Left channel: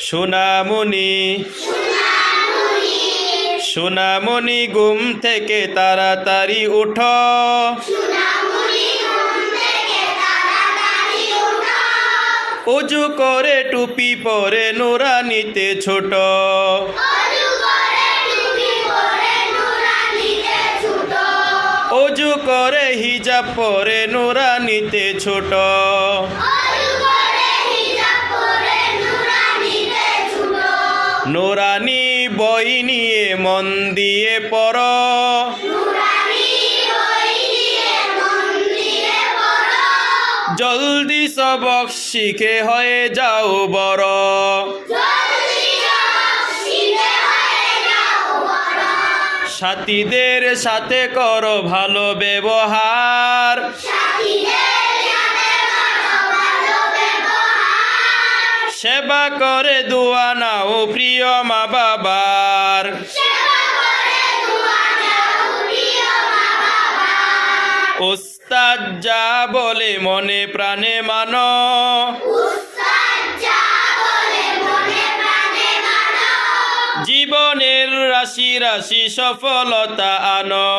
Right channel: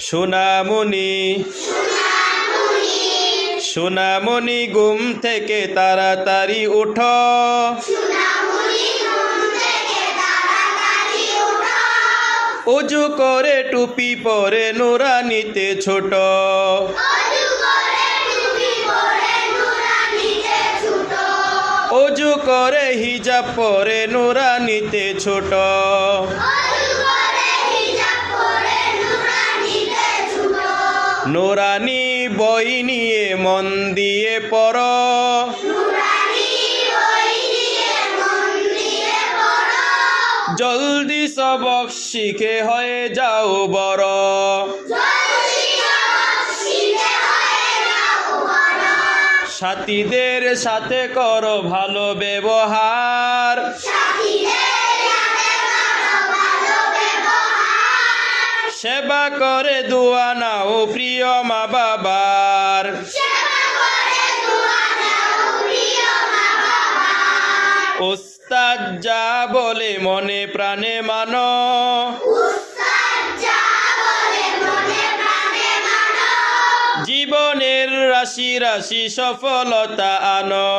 সোনামণি সোনামণি ঘুম থেকে তাড়াতাড়ি উঠো, অজু করে টুপি পরে নুরানিতে ছোট, অজু করে হিজাব পরে নুরানিতে ছোট। নুরানি বই নিয়ে মন দিয়ে পড়ো, জলদি সবক শিখে হয়ে যাও বড়। সাথীদের সাথে করো ভালো ব্যবহার, সেবা করে দোয়া নাও প্রিয় মা বাবার। উস্তাদ যা বলে মনে প্রাণে মানো, জীবনের রাশি রাশি সফলতা আনো।